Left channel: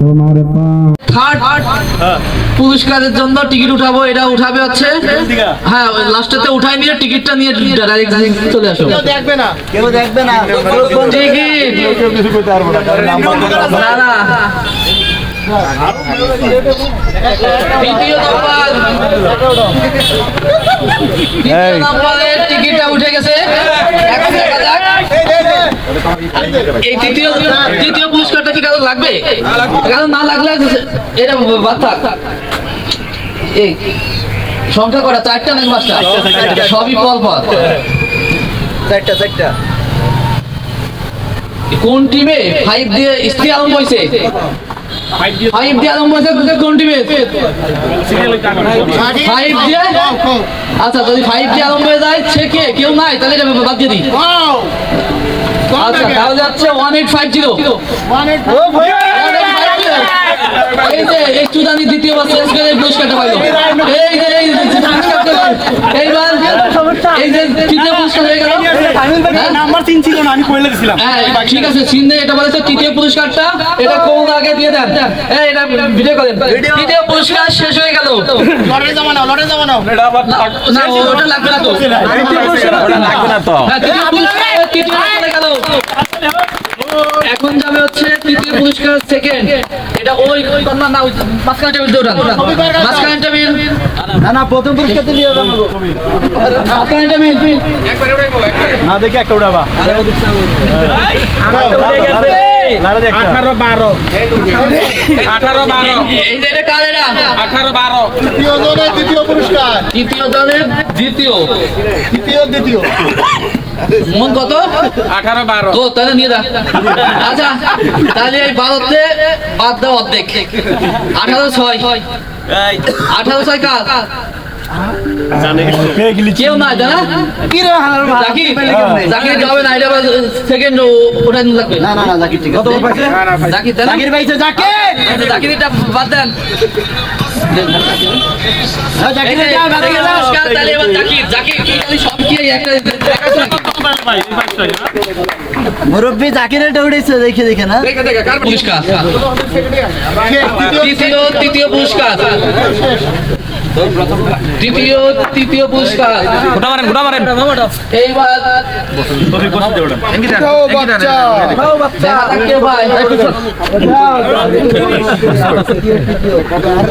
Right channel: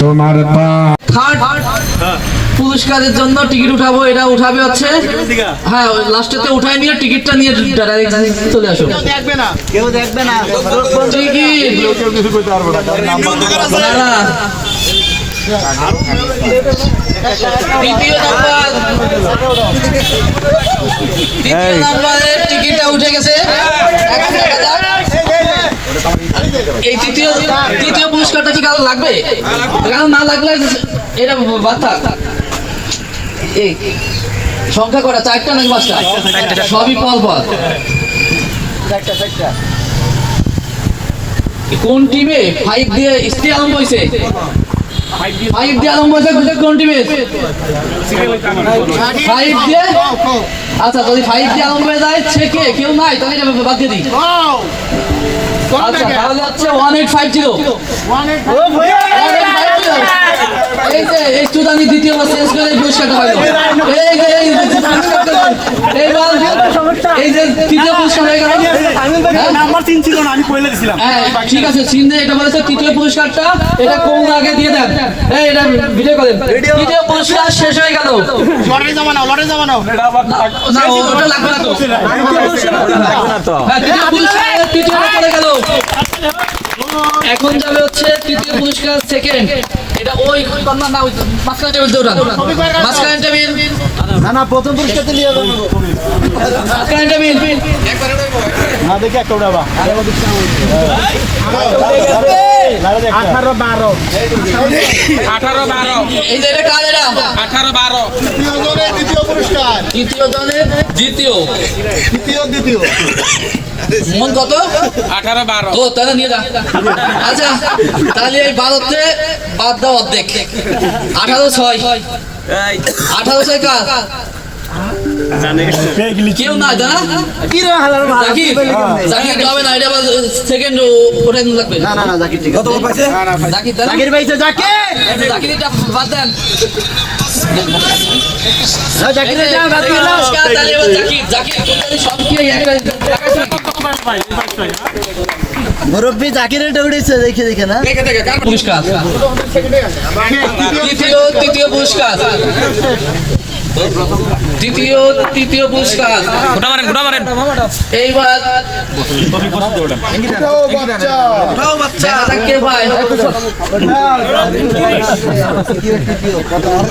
তোমার পা থার্ড পুরস্কারের জন্য টিকিট উঠাবো, এটা উঠাবে হচ্ছে হ্যাঁ লাস্টেতে উঠাই নিয়ে টিকিটটা নিয়ে ডাইরেক্ট চলে আসো। টিকিট না না দ্বিতীয় নাম্বারের টিকিটটা উঠে গেছে। এখন দেখা যাক এই তৃতীয় পুরস্কারটা কি কারো লাগবে? কারণ না লাগলে এটা বাদ থাক। এই সংখ্যা কটা? চারটা নাকি পাঁচটা? সবই পল পল। কোন টিমে 5 দিয়ে স্ত্রী আরম্ভ হয়েছে? 5 দিয়ে আরম্ভ হয়েছে কোন টিমে? 5 দিয়ে। আচ্ছা যদি 5 দিয়ে আরম্ভ হয়ে যায় সে কে? কেউ নাই তাহলে এটা বাদ দিয়ে দিই। আচ্ছা তাহলে হচ্ছে 1850। এই যে এই চুদানি দ্বিতীয়বার শেষ করে এই পুরস্কারটা পাইল। এই যে এইবার এই যে তৃতীয় পুরস্কার হয়ে গেল। নাম্বার 3 ছিল না, আমি কইলে দিছিলাম। হ্যাঁ ঠিক আছে, চিহ্নে এটা বলেছে তৃতীয় পুরস্কারটা, এটা কোন আগে দিয়ে দেন। এই এটা ভিডিও করেন। তৃতীয় পুরস্কার শেষ হয়ে গেল। লড়াই যাবো না এটা আবার না ওটা লাগবে না তো। তৃতীয় পুরস্কার লাগবে না তো। হ্যাঁ তৃতীয় চলে গেল। এখন যাবে হচ্ছে তৃতীয় পুরস্কার সেকেন্ড। এটা ওই কর্নার না, ওই মাঝখানে টেবিল দৌড়ান। মাঝখানে টেবিল না প্রথম পুরস্কার তো নিয়ে যাবো। মাঝখানে টেবিল না দেখি একটা উড়াবা। আমার তো উড়ে গেছে 18 12 এই যে এটা কার? এটা 18 12 তৃতীয় জনের দ্বিতীয় পুরস্কার। তৃতীয় দলের দ্বিতীয় মন কত? 18 12 তো তাহলে নিয়ে যা। আচ্ছা তাহলে এই 12তে বাদ দাও অর্ধেক। 18/6 18/6 কার? কেউ নাই জানা জাকির যাবে না, এটা সেকেন্ড ওঠাই লাগবে। জাকির জাকির এটা বাদ দেন। মুরব্বী জাকিরের উঠেছে দেখে না। পুরস্কার তৃতীয় পুরস্কার তৃতীয় পুরস্কার গোটা মারেন এইবার কে ভাই?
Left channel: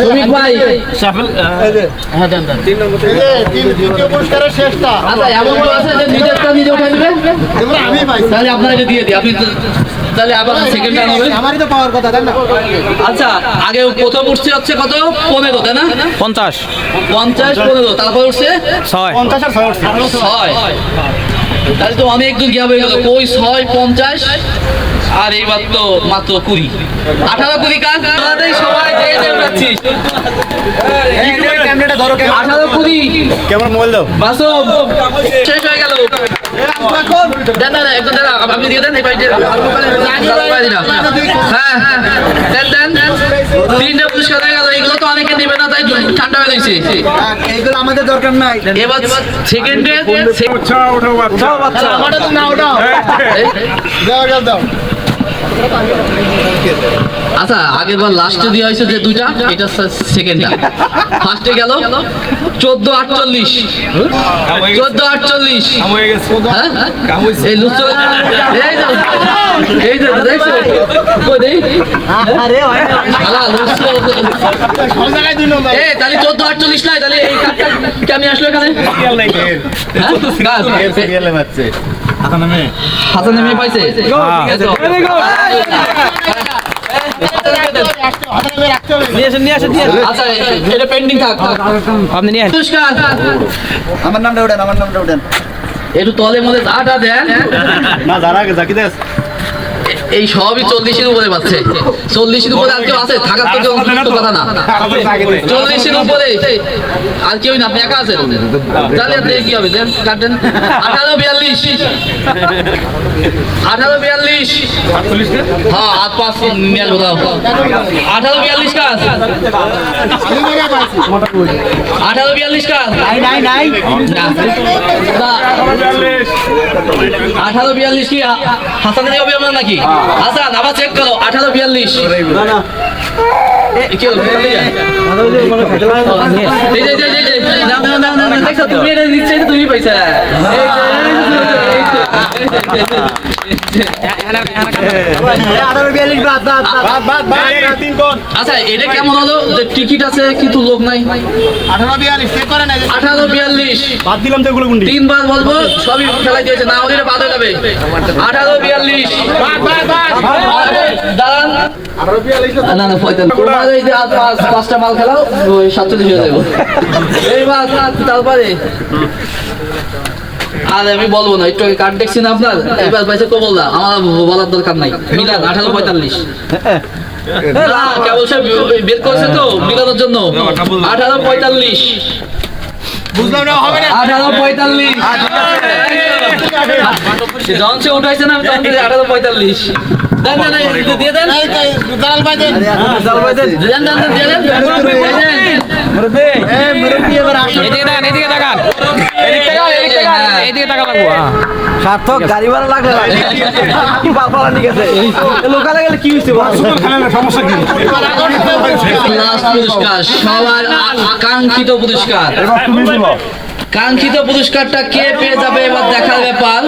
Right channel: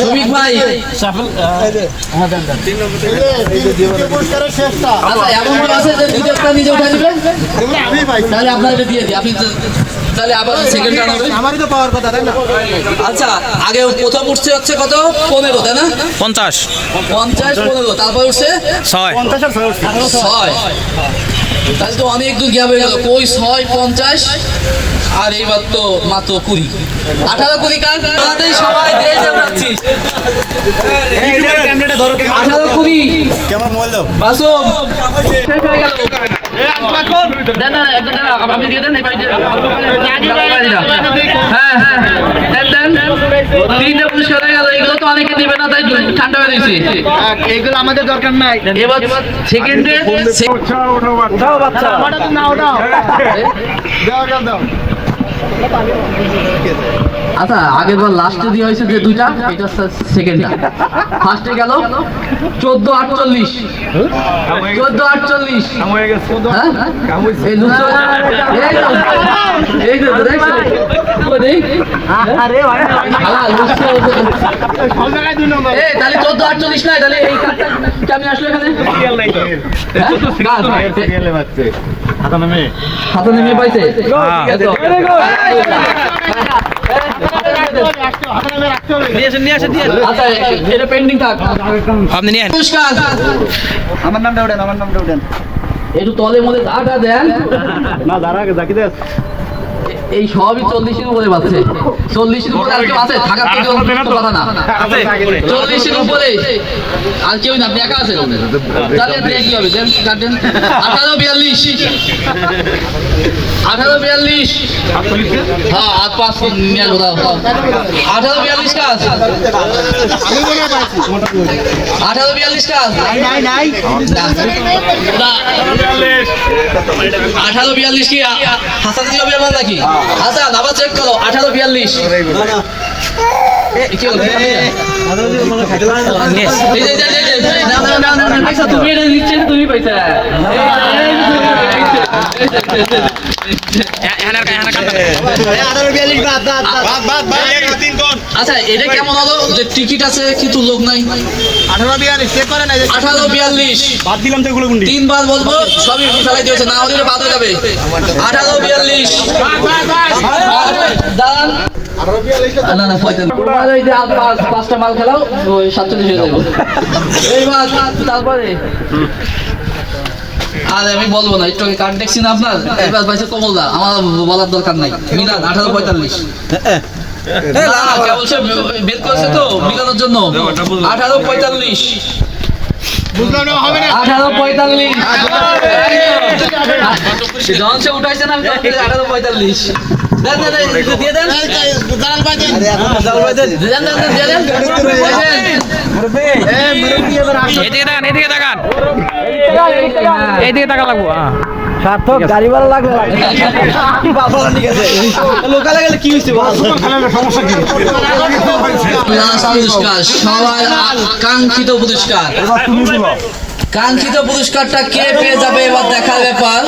সুমিক ভাই আচ্ছা এমন আছে যে নিজেরটা নিজে উঠে দিবে, তাহলে আপনার এটা দিয়ে দিই। আপনি তাহলে আবার সেকেন্ড রান হবে। আমারই তো পাওয়ার কথা, তাই না? আচ্ছা আগে প্রথম উঠছে হচ্ছে কত? 15 তাই না? 50 15 তারপর উঠছে 6 6। তাহলে তো অনেক দূর গিয়া হয়ে গেল। কই 6 50 আর এইবার তো মাত্র 20 18 20 কার সবাই দিয়ে উঠাচ্ছি। 18 20 কেমন মোবাইল দাও? বাসম শেষ হয়ে গেল। দেন না একদম দেন, আপনি দিয়ে দেন। এই পাইতে হ্যাঁ দেন 3টা পুরস্কার হয়ে গেল। এগুলো তো অনেকে দিবে না, তাই ঠান্ডা হয়ে গেছে। এইগুলো আমাদের দরকার নাই। এবার সেকেন্ডে আমারটা তো না ওটা দাও। আচ্ছা আগের বার লাস্টে দেওয়া হয়েছে যে দুইটা, এটা সেকেন্ডটা। ফার্স্টে গেল 1448 হ্যাঁ এই লুচ্চ এই তো দেখছো কই দেই শালা লুচ্চ এই তাহলে 1448 নাই, তাহলে এই কার্ডটা কেমনে আসলো এখানে? হ্যাঁ হাতে নেমে পাইছে। আচ্ছা এটা পেন্ডিং থাক, আপনি নিয়ে পুরস্কার আমার নামটা উঠেন একটু তলে মধ্যে আটা দেন না জানা জাকি দেস। এই সবই 40-এর উপরে পাচ্ছে। 40-এর উপরে আর কেউ আছে? থাকার তো কেউ কথা না। 40-এর উপরে আর কেউ না, আপনি একা আছেন। তাহলে আপনি কি হবে? দেন কাটেন। 1842 হ্যাঁ আর 5 নিয়ে কোথাও 1842 কাজ 1842 কাজ নাই 1842 কি হাসান হবে আমার নাকি? হাসান আবার চেক করো 1842 কি হলো তুমি এটা দিচ্ছে তুমি পয়সা আচ্ছা এটা কেমন হলো যে টিকিট আছে কিন্তু লোক নাই 1842 তিনবার বলবো সবই ফেলাই দিয়েছে না হলে বাদ হয়ে যাবে 1842 দাঁড়ান না না পাঁচটা মাল খেলাও 47 হয়ে যাবে এইবার তারপরে আর আমি বলবো না একটু কার্ড দেখছি না আপনার এবার পাইছে কমলদা আমার বলার দরকার নাই মিলান 1845 কেবল সে বের করেছে তো মিলানোর জন্য 1845 1845 উঠাইছে না আমি 1845 দেন দিয়ে দেন এদিকে টাকা লাগবো সার্থক গাড়ি ভাড়া লাগলো লোকালে গেলে কি হয়েছে সমস্যা কি পুরস্কার সবার কাঙ্ক্ষিত পুরস্কার এবার তুমি বলো কাঙ্ক্ষিত পুরস্কারটা কে পেয়ে যাবে এবার দেখার ব্যাপার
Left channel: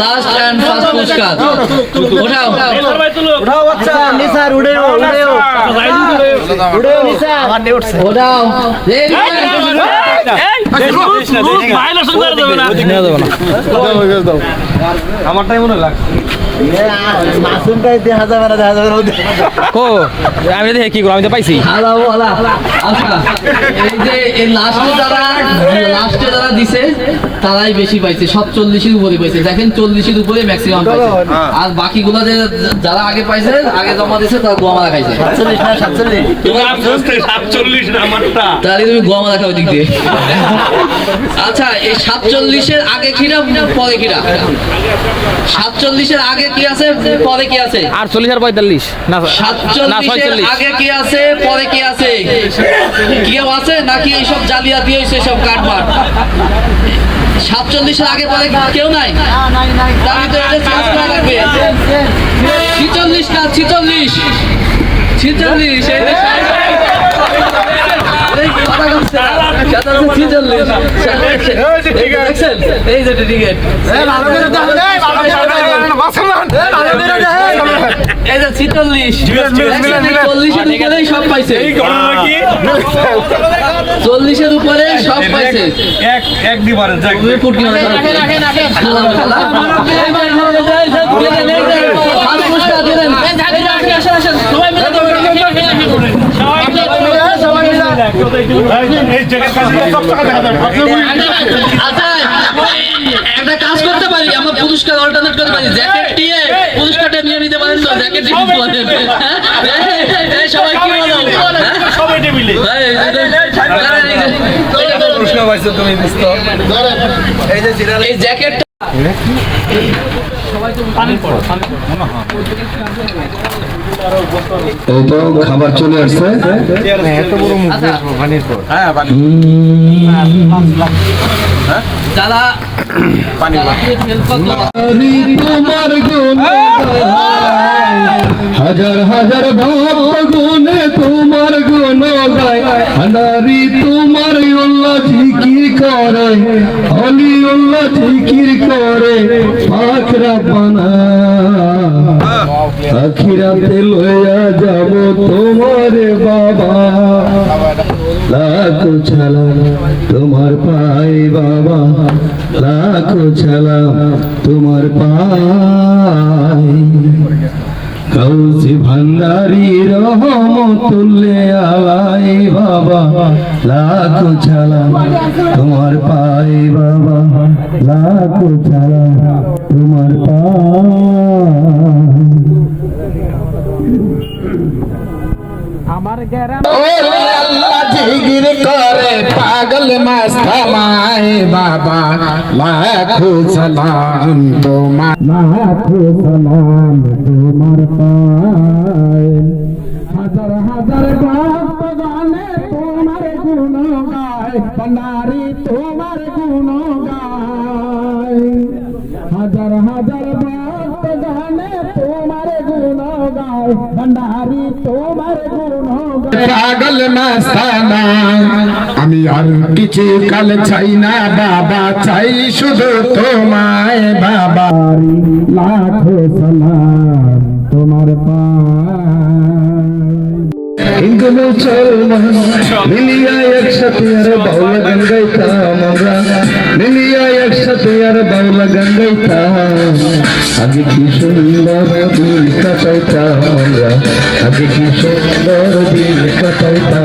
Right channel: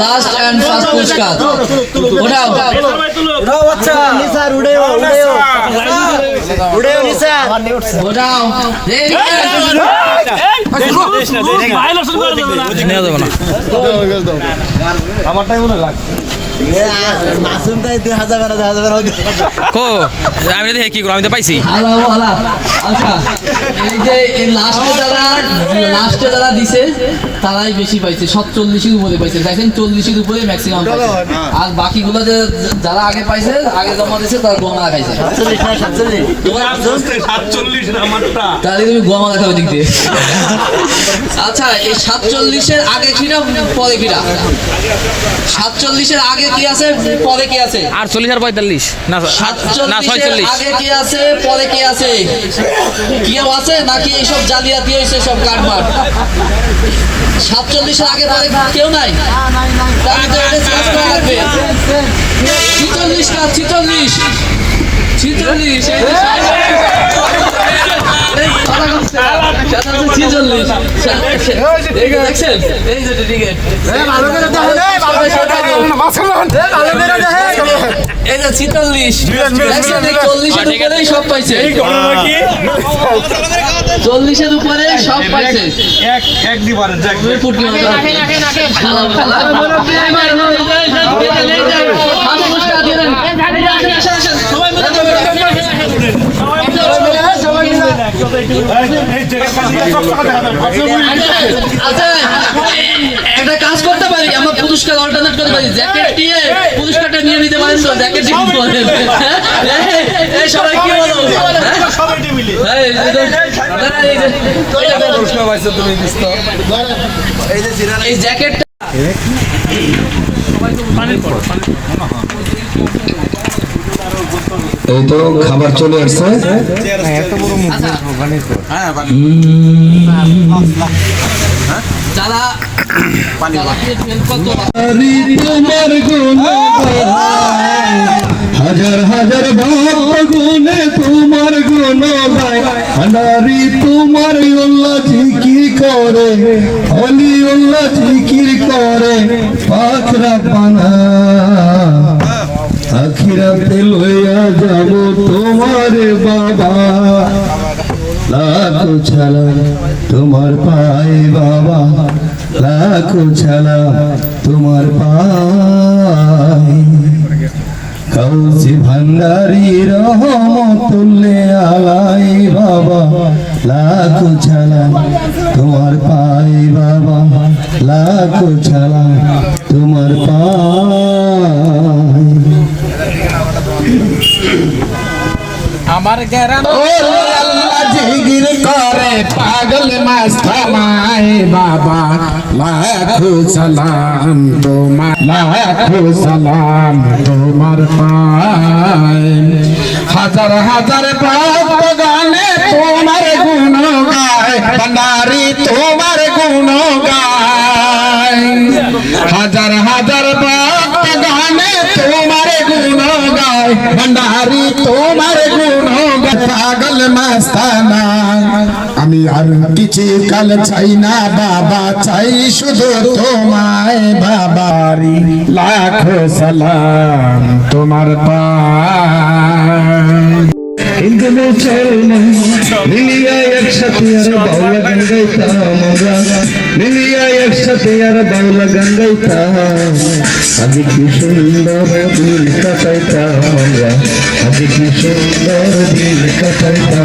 লাস্ট এন্ড ফার্স্ট পুরস্কার ওঠাও ওঠাও আমারটাই মনে লাগ আমি কি করবো আমি তো পাইছি আচ্ছা এই যে লাস্টে যারা দিছে তারাই বেশি পাইছে সব 40-এর উপরে পাইছে দেখেন 40-এর উপরে ম্যাক্সিমাম পাইছে আর বাকিগুলো যে যারা আগে পাইছে আগে জমা দিছে তারা গোয়ামারা খাইছে তাহলে তুমি গোয়ামারা খাও দিক দিয়ে আচ্ছা এই 47-এর আগে কিরা পরে কিরা 47-এর আগে কি আছে পরে কি আছে 48 আর 45 না 46 আগে কি আছে পরে কি আছে কেউ আছে নাকি এইসব জালিয়াতি হয়েছে সব কাটমাট 47-এর আগে পরে কেউ নাই তাহলে তো এটা স্মার্ট করা লাগবে 46 না 40-এর সব পাইছে 40-এর উপরে সব পাইছে এক দিবারে ফুটকি মনে করেন একটা কাজ করতে পারি আমরা পুরস্কার অল্টারনেট করতে পারি জ্যাকেট দিয়ে পুরস্কারটা নিয়ে নিতে পারেন তো জ্যাকেট সবাই কি বলো এই জ্যাকেটটা এই তো খাবার চলে আসছে যারা তোমার হাজার হাজার বাপ গুনে তোমার গুণ গায় নারী তোমার উল্লাহ জিকির করে হলি উল্লাহ জিকির করে আখরা পানা আখিরাতে লইয়া যাব তোমার বাবা লাখো ছালাম তোমার পায়ে বাবা লাখো ছালাম তোমার পায়ে কাউসি ভান্ডারি রহমতুল্লে আলাই বাবা লাখো ছালাম তোমার পায়ে বাবা লাখো ছালাম তোমার পায়ে জিগির করে পাগল মস্ত মায় বাবা লাখো সালাম তোমার লাখো সালাম তোমার পায় হাজার হাজার ভক্ত গানে তোমার গুণ গায় নারী তোমার গুণ গায় হাজার হাজার ভক্ত গানে তোমার भंडारी तुम्हारे गुणों पागल मस्ताना আমি আর কিছু কাল চাই না বাবা চাই শুধু তোমায় বাবারি লাখো সালাম তোমার পায় हिंदू मुसलमान मिलिया एक साथ यार बाउला गंगाईता আমরা मिलिया एक साथ यार बाउला गंगाईता আগে কি সুন্দর দিন কাটাইতা আমরা আগে কি সুন্দর দিন কাটাইতা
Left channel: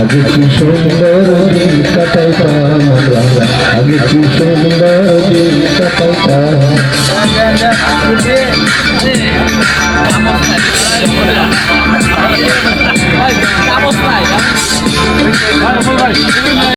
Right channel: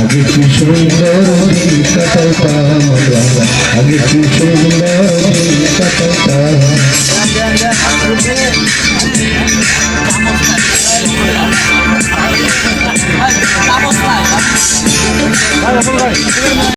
আগে কি সুন্দর দিন কাটাইতা আমরা আগে কি সুন্দর দিন কাটাইতা Vamos lá.